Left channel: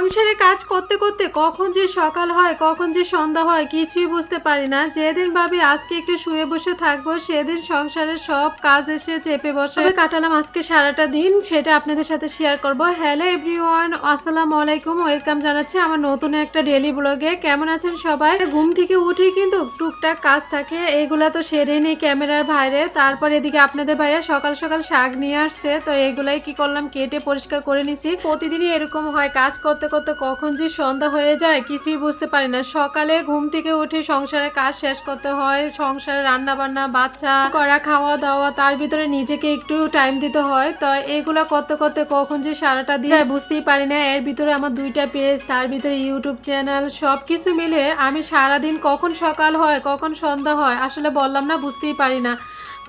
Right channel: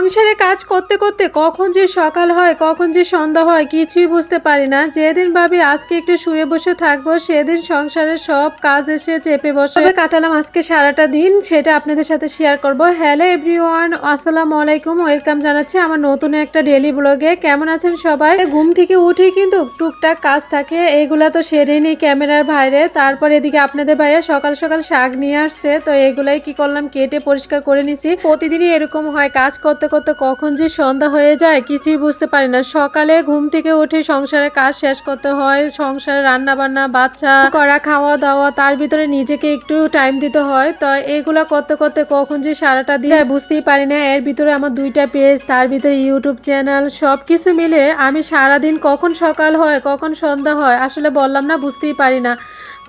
সংসারে কাজ করতে করতে কখন যে সকাল হয়, কখন যে সন্ধ্যা হয়, কিছুই বুঝতে পারি না। যেদিন ভাবি আজকে একটু শুয়ে বসে থাকব, সেদিন সংসারের সব কাজ এসে চেপে বসে কাটালাম আজকে সারাটা দিন, সেটা আপনাদের সাথে শেয়ার করব। হ্যালো এভরিওয়ান আসসালামু আলাইকুম ওয়েলকাম জানাচ্ছি আমার নতুন একটা ডেলি ব্লগে কেমন আছেন সবাই? ঘুম থেকে উঠি কিন্তু টুকটাক কাজ থাকে, এগুলা তো সেরে নিই ক্যামেরার বাইরে। তারপর এদিকে আপনাদের ভাইয়া সকাল সকাল শাক নিয়ে আসছে, তো এগুলাই কি করলাম, কেটে পরিষ্কার করে নিছি। প্রতিদিনই এরকম হয়, কাজ করতে করতে করতে কখন যে সন্ধ্যা হয়ে যায়, কিছুই বুঝতে পারি না। সকালে ঘুম থেকে উঠে সংসারে কাজ শেষ করতে হয়, সংসারে রান্না বান্না বাচ্চা করা খাওয়া দাওয়া তার ভিতরে নিজেকে একটু টাইম দিতে হয়। তো এগুলো করতে করতে কখন যে সারাটা দিয়ে বুঝতেই পারি না। এর ভিতরে আমার দুইটা পেজ তার ভিতরে ইউটিউব চ্যানেল সব কিছু মিলে আমি সারাদিন কখন সকাল হয়, কখন সন্ধ্যা হয়, আসলে বললাম না, বুঝতেই পারি না।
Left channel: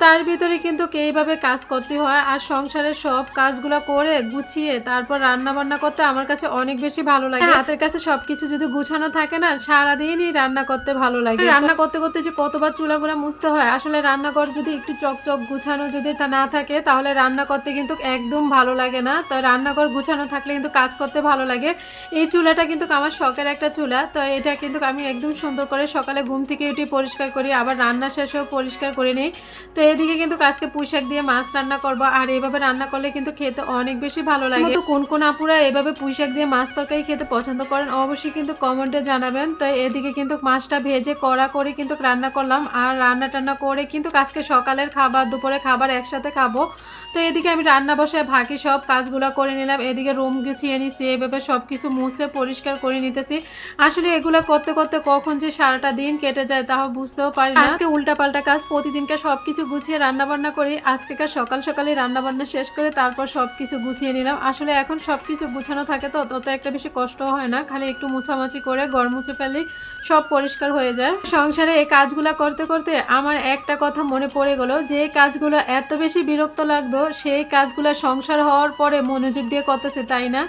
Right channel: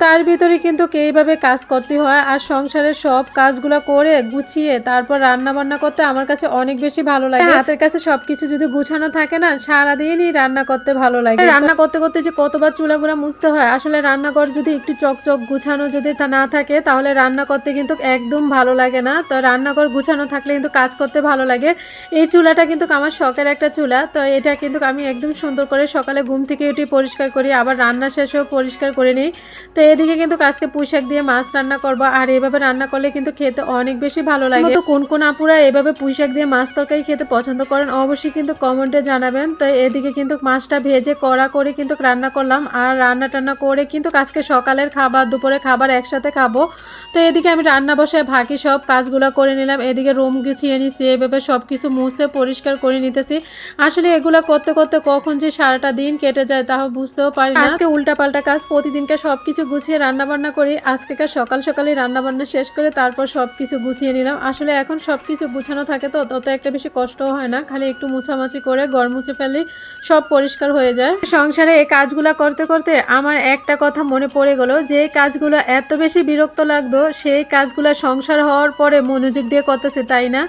তার ভিতরে কিন্তু এইভাবে কাজ করতে হয় আর সংসারের সব কাজগুলো করে গুছিয়ে তারপর রান্না বান্না করতে আমার কাছে অনেক বেশি ভালো লাগে। হাতের কাছে সবকিছু যদি গুছানো থাকে না সারাদিনই রান্না করতে ভালো লাগে। রান্না করতে করতে যে কতবার চুলাগুলো মুছতে হয় আসলে রান্নাঘর যদি একটু চকচক গুছানো যদি তা না থাকে তাহলে রান্না করতে কিন্তু একদম ভালো লাগে না। তো রান্নাঘর গুছানো থাকলে কিন্তু কাজ করতে ভালো লাগে। এই চুলাটা কিন্তু আমার শখের একটা চুলা। তো এটা কিন্তু আমি একদম সুন্দর করে সকালে ঘুম থেকে উঠে পরিষ্কার করি আবার রান্না শেষেও পরিষ্কার করে নিই। তো এদিকে কিন্তু আজকে পুঁইশাক দিয়ে মাছ রান্না করব আর এভাবে রান্না করলে কিন্তু খেতে অনেক বেশি ভালো লাগে। তো কোন কোন আপুরা এভাবে পুঁইশাক দিয়ে মাছ তরকারি খেতে পছন্দ করেন অবশ্যই কিন্তু কমেন্টে জানাবেন। তো এদিকে কিন্তু মাছটা ভেজে কড়া করে কিন্তু রান্না করলাম আর রান্না টান্না করে কিন্তু আজকে সকালের খাবার দুপুরে খাবার একসাথে খাব। তো এদিকে আমি রান্না বসে বাকি সব কাজগুলো করে নিলাম এদিকে রুম গুছিয়ে নিছি এভাবে সব কিছু মুছে পরিষ্কার করে নিতেছি। আসলে এগুলো করতে করতে কখন যে সারাটা দিন কেটে যায় তাও বুঝতেও পারি না। আজকে উল্টা পাল্টা কাজ প্রতিদিনকে সব কিছু গুছিয়ে রান্না বান্না করি। আজকেকার সকাল সকালে রান্না বান্না শেষ করে তারপর সব কিছু গুছিয়ে নিলাম। আসলে এখন সব কিছু গুছানো থাকে তো, তত একটা বেশি কষ্ট হয় না। খালি একটু মুছামাছি করে গড় মুছে ফেলি সব পরিষ্কার হয়ে যায়। সংসারে এই কাজগুলো করতে করতে আমার একটা কথা মনে পড়ে গেলো, যে কাজগুলো এত বেশি বিরক্ত লাগতো, সেই কাজগুলো সংসার হওয়ার পরে মনোযোগ দিয়ে করতেছে, তাই না?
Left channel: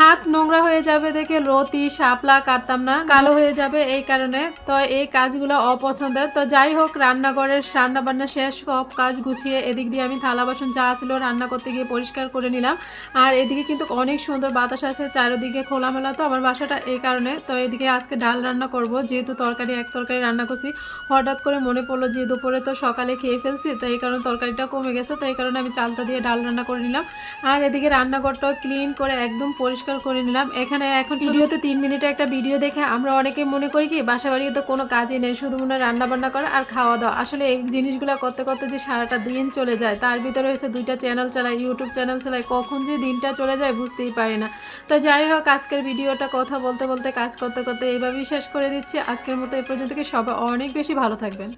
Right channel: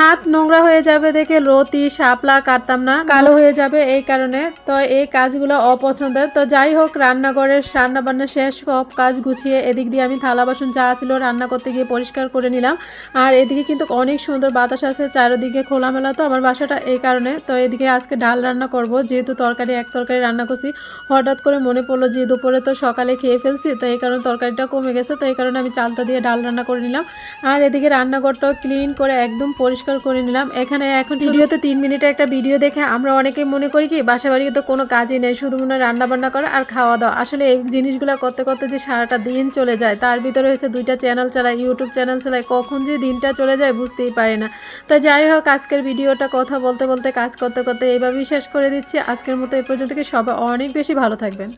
হাত নোংরা হয়ে যাবে দেখে রতি, শাপলা কাটতাম না, কালো হয়ে যাবে এই কারণে। তো এই কাজগুলো অপছন্দের। তো যাই হোক, রান্নাঘরের রান্না বান্না শেষ সব কাজ গুছিয়ে এদিক দিয়ে আমি থালা, বাসন যা ছিল রান্না করতে গিয়ে পরিষ্কার করে নিলাম। আর এদিকে কিন্তু অনেক সুন্দর বাতাস আছে, চারিদিকে খোলামেলা তো আমার বাসাটা এই কারণে। তো এদিকে আজকে ডাল রান্না করব, যেহেতু তরকারি, এক তরকারি রান্না করছি। হঠাৎ করে মনে পড়ল যে দুপুরে তো সকালে খেয়ে ফেলছি, তো এই কারণে তরকারিটা কমে গেছে, তো এই কারণে আমি চালটা দিয়ে ডাল রান্না করে নিলাম। আর এদিকে রান্নাঘরটাও ক্লিন করে একদম পরিষ্কার করে নিলাম। এখানে এখন ভিডিওতে তিন মিনিটে একটা ভিডিও দেখে আমরা অনেকেই মনে করি কি বাসা বাড়িতে কোনো কাজই নেই, শুধু মনে রান্না বান্না করা আর খাওয়া দাওয়া। আসলে এই জিনিসগুলো করতে করতে যে সারাটা দিন চলে যায়, তার ভিতরে হয়েছে দুইটা চ্যানেল চালায় ইউটিউব চ্যানেল চালায় কখন যে দিনটা চলে যায় বুঝতেই পারে না। তো যাই হোক, আজকের ভিডিওটা কথা বলতে বলতে, কাজ করতে করতে এইভাবেই শেষ করে দিচ্ছি। আজকের মতো এই পর্যন্ত, সবাই অনেক বেশি ভালো থাকবেন।